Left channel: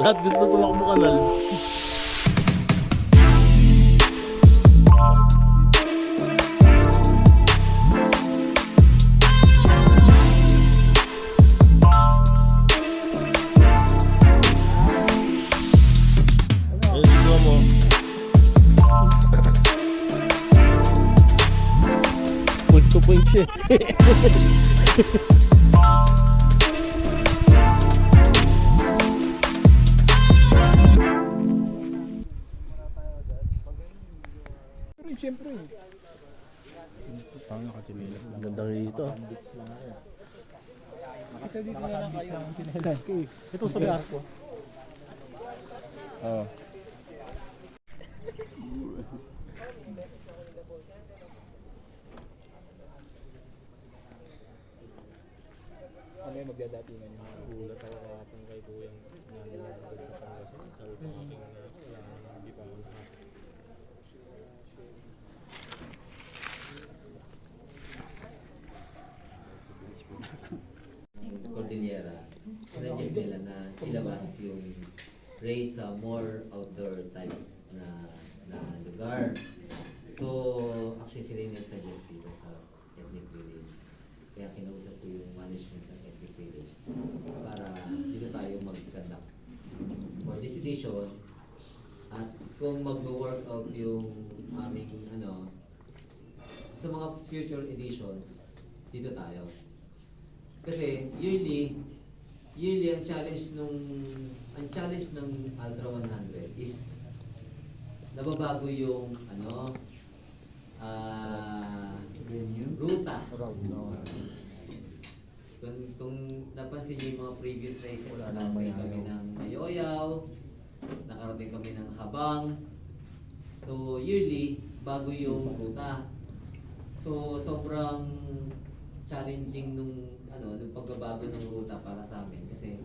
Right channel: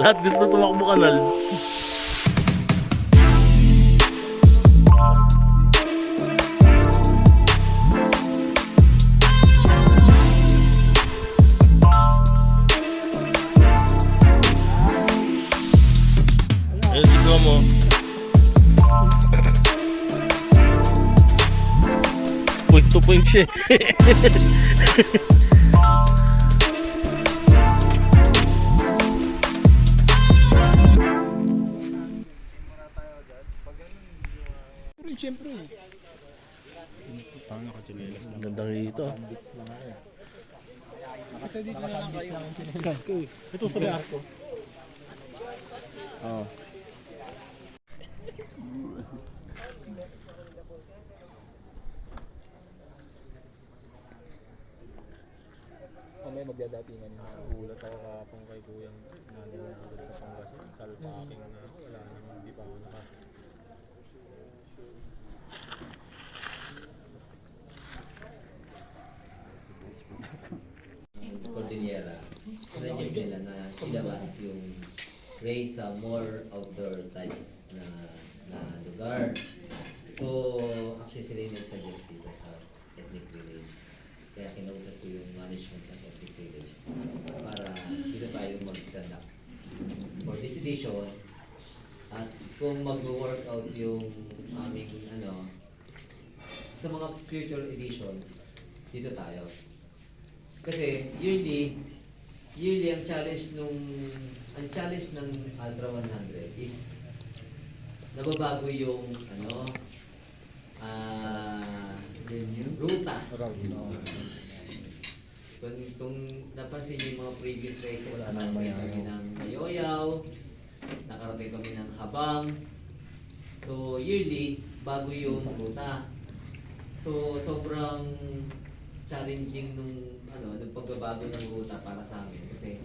Lahat gusto tumakbo kanal. Ayun, siguro mo. Point to point siya. Siyempre. Gandang dito. Ito dito na lang kayo. Ito sabi ako. Oo. Ano yung magdadatingan? Gulat ako kahapon kay Kuyang nangyayari sa Pangasinan. Sabi pa aking wala nang hindi pa ako nakasya. Cordillera, suggest nila na ilabas yung race sa more outdoor type na lugar. So, actually sila yung nag-suggest dito sa ethnic village. Kaya kinausap ko yung management ng ethnic village para dito tayo mag-conduct for this edition. At kung mag-workout yung aming sa mga future editions, dito tayo. Kasi yearly ang challenge ng Ultra 100 is nababago yung ruta. Kung napansin niyo yung mga previous races, nakarating kami ng Mayoyaw, nakarating kami ng Habang. So yearly, bago yung ruta. So sobrang challenging nung pagbabago ng ruta para sa amin kasi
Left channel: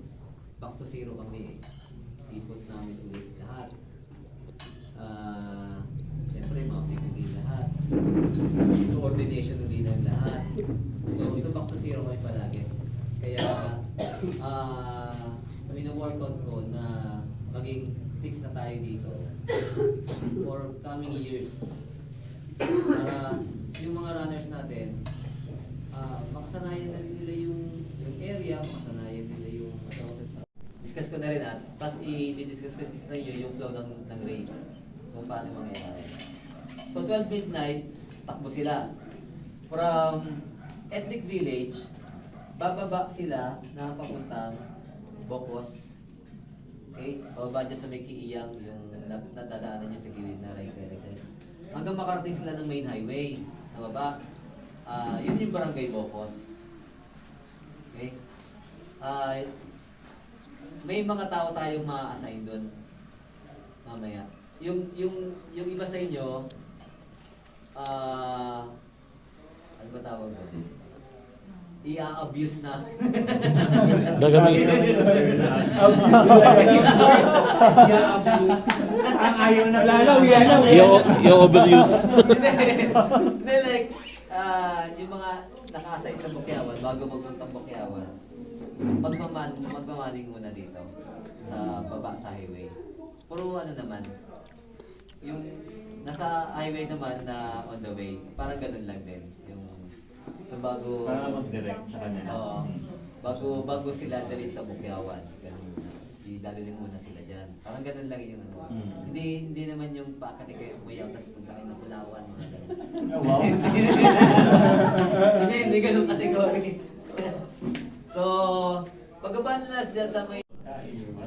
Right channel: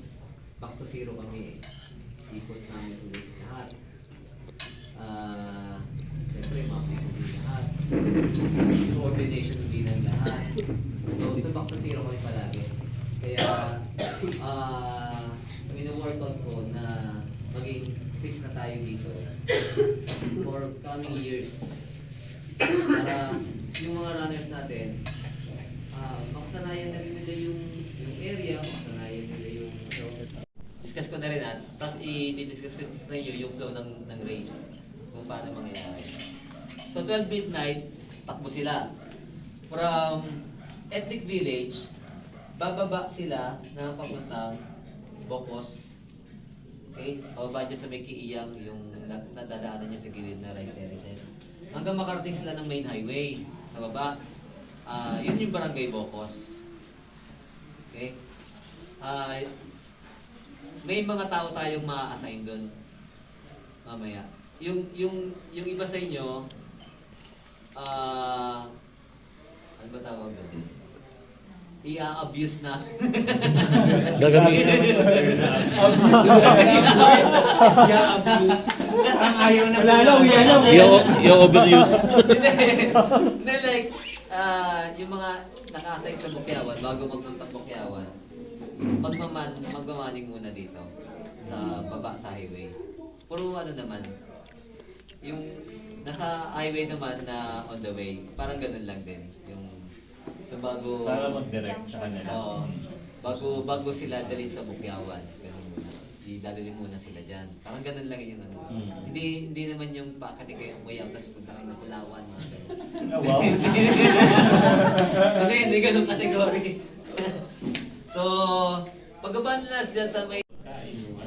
back to zero kami eh. Ikot namin ulit lahat. Siyempre mapping ulit lahat. Coordination ulit ng lahat. So back to zero kami palagi. Kaya wino-workout ko na maging fix na tayo dito for coming years. Para yung mga runners natin makasanayan na rin nila yung area, makasanayan nila yung discuss ko na rin tapos i-discuss ko sa inyo yung flow ng race kung paano mangyayari. So 12 midnight, takbo sila from ethnic village, bababa sila na papuntang Bocos. Okay? Bababa dyan sa may Kiiyang, yung nadadaanan niya sa gilid na rice terraces. Hanggang makarating sila ng main highway sa baba. Yun yung barangay Bocos. Okay? May mga tao tayong ma-assign doon mamaya. Yung iba sa inyo, ano ba tawag doon? I-abuse na. Gagamitin. I-abuse. Ayaw na I-overuse. Hindi, like, yung mga naka-assign sa Bukyawan, bago magpuntang Bukyawan, magmamaning muna dito sa baba sa highway. Puro naman, yung nasa highway naman na on the way, parang ganun lang din. So bago Para mag-direct sa kanila. Bago sila dalhin sa Bukyawan, ganun. Dadalhin muna sila diyan. Parang ganun lang yung Hindi naman yung pakati kayo kuya tapos punta kayo ng Palawan, mga ganun. Wow. Hindi ganun kategory. So, pagkabaan na siya sa may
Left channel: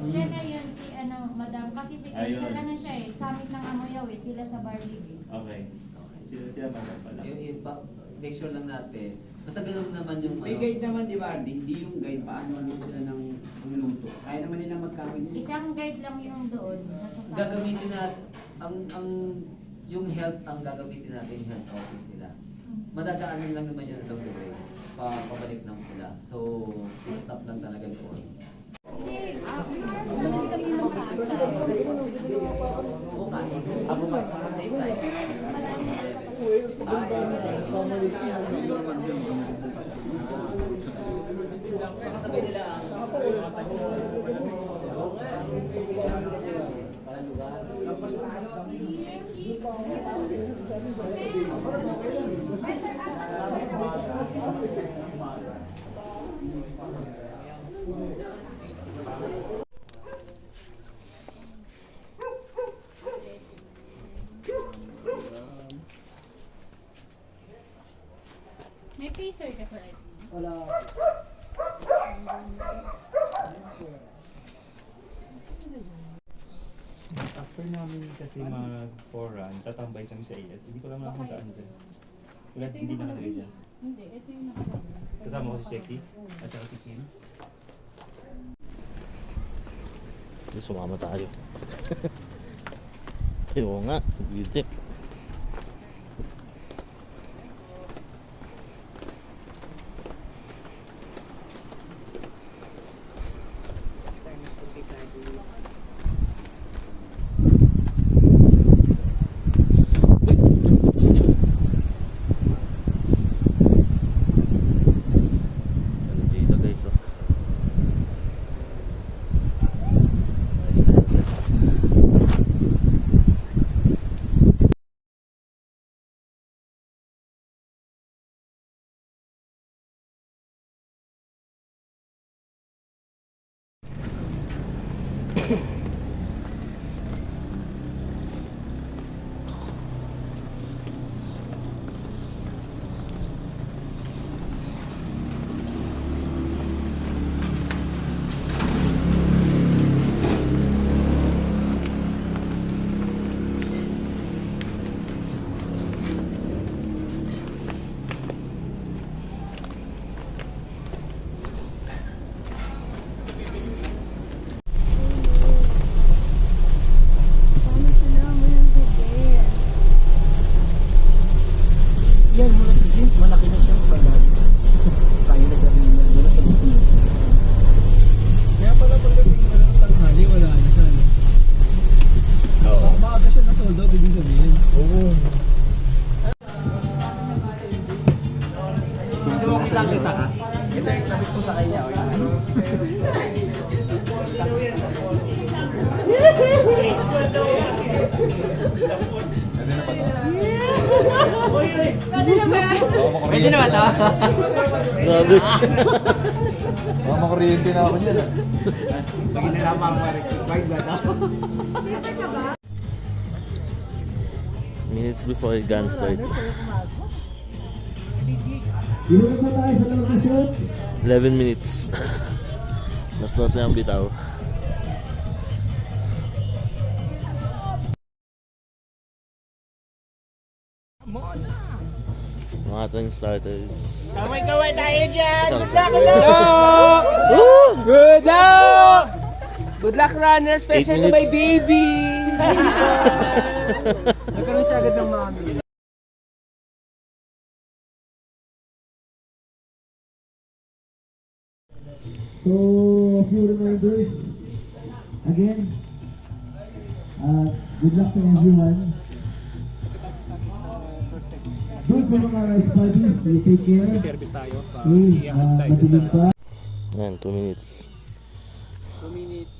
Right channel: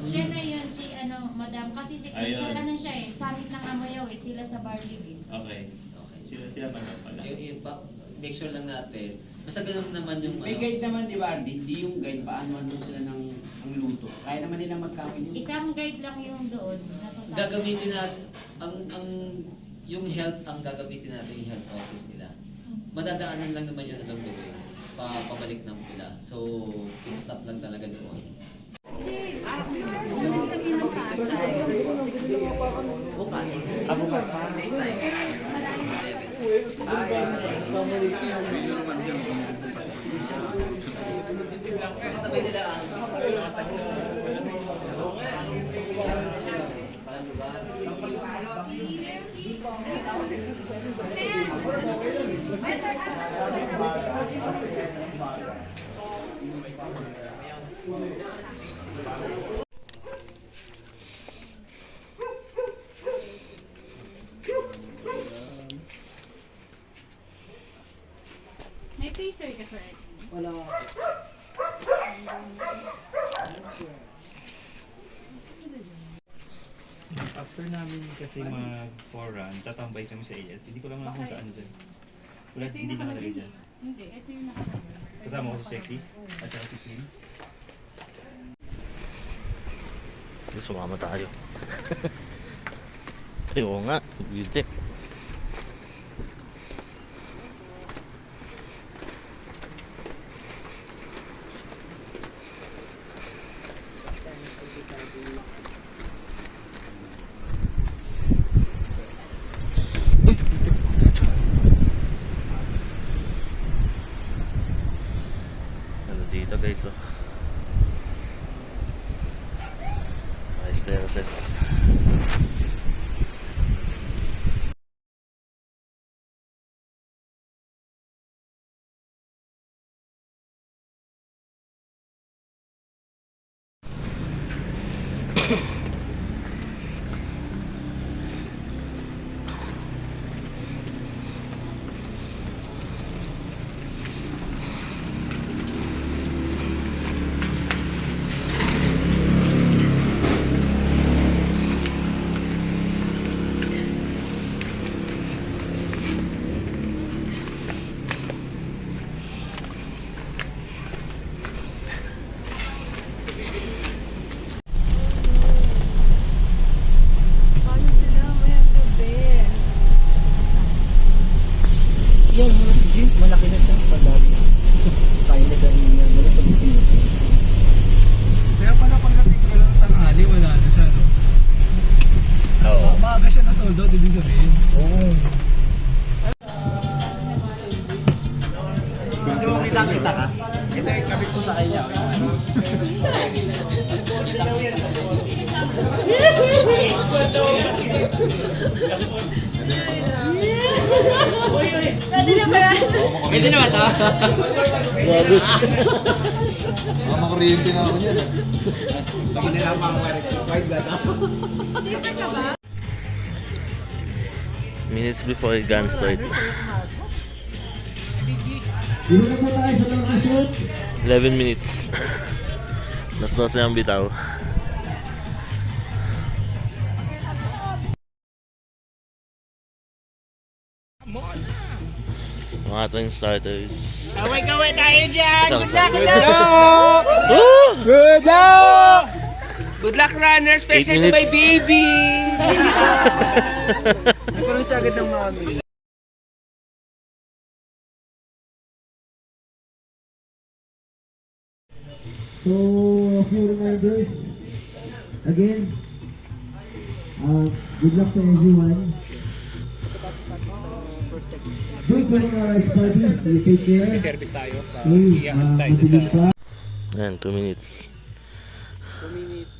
Siya na yun, si madam, kasi si Ayun. siya eh, summit ng Amoyaw eh, sila sa Barlig eh. Okay. Sila pa daw pala. make sure lang natin. Basta ganun naman yung May guide naman, di ba? Hindi yung guide, paano sila ng luto. Kaya naman nila magkawin nila. Isang guide lang yung doon, nasa summit. gagamitin natin yung health ang gagamitin natin yung health office nila. Madadaanan lang naman yun along the way. Pabalik ng pila. So, pit stop lang talaga doon. Bukas. Same time. Kasabay nila ang lugar. May pacer ka, sir. Wala. After namin kasi mag-4 run, tatambay kami sa AS. Hindi ko lang alam kung saan dyan. Wala, hindi nakalagay dyan. Hindi, ito yung nakalagay. Kasama ko si Checky at saka si Kim. Sumama tayo. Ay, oo nga. Beauty. Ano dito guys, oh. Nice terraces. Paano sila mayang gabi? Yan, mula si Jim. Malaki na siya. Padali. Kaya na sa niya. Doon sa buti. Kaya pala pagdating ko lang tanghali, wala na siya, no? Oo. Maaga siya na sold out, ibig sabihin. Oo. Gusto mo kita ka? Ito yung kapit ko sa kanya. Medyo naman to. Grabe. Mga kuryente na ako yun. Lagi na lang mga required ba ito? Minutes before gun start. 11 minutes. Nas na yung bitaw. Mga ating starters. Kaway-kaway tayo dyan! Isang Good luck! Woo! Good luck! Good luck, runner! 8 Especially to my minutes. baby! Nagkaroon siya agad ng mami. So, a few reminders. Again, good luck to everyone. Don't go on our ice parties. You take care. May service tayo. Okay, Iangat tayo sa... mabilis pa. Ayan, 2 minutes. 2 minutes.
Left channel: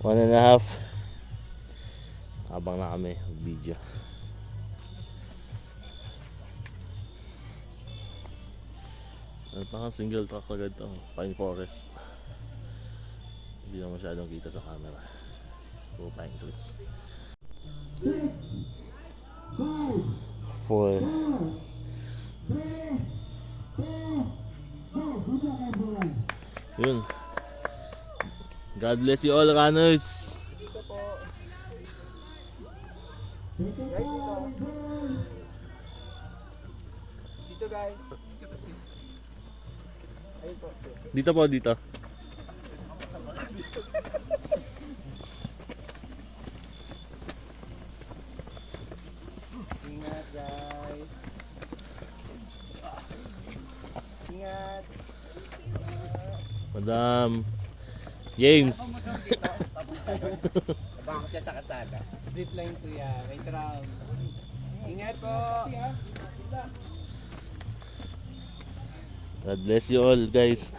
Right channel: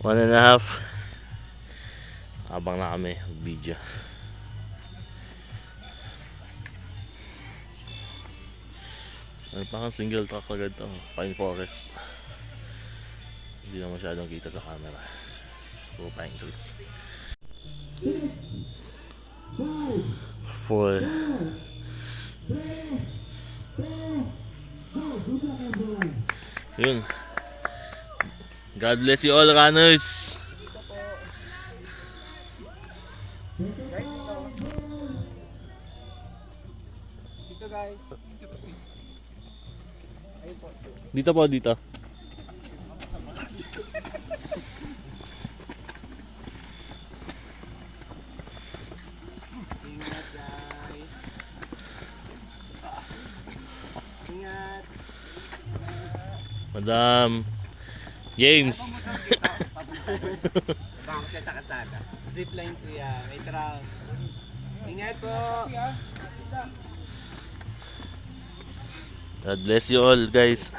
1.5. Abang na kami, video. Ano pa kang single track agad to? Pine Forest. Hindi na masyadong kita sa camera. Puro pine trees. 4. Yun. God bless you all, runners. Dito guys. Dito po, dito. Ingat guys. Ingat. Madam. James. Baka siya sa kasada. Zipline to ya. Wait round. Ingat po. God bless you all, guys.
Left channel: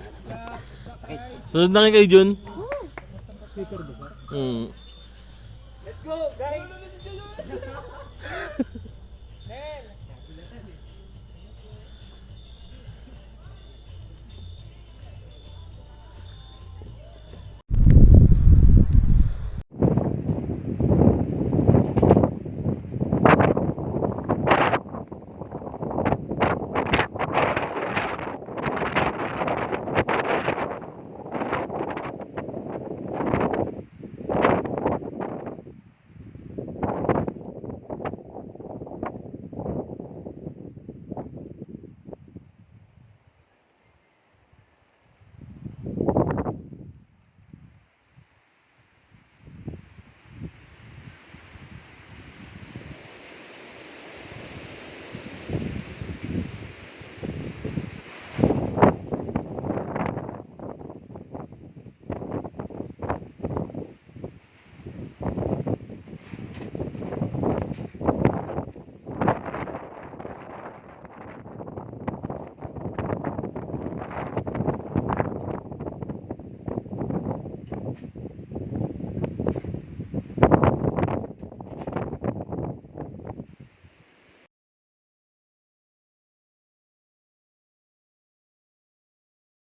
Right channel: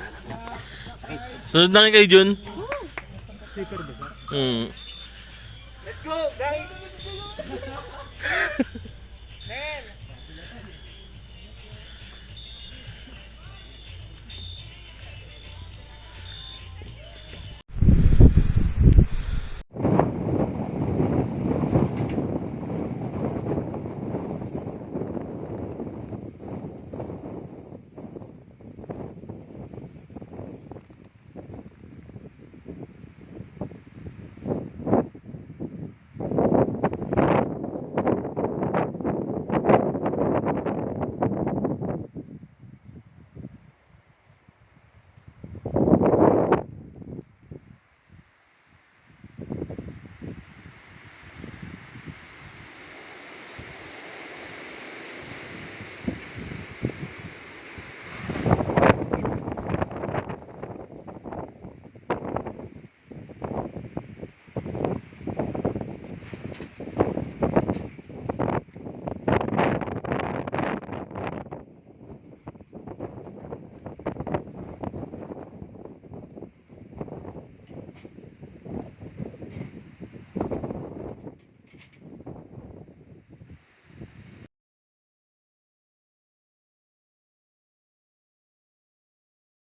Sunod na kayo, Jun. Slipper ba? Hmm. go, guys!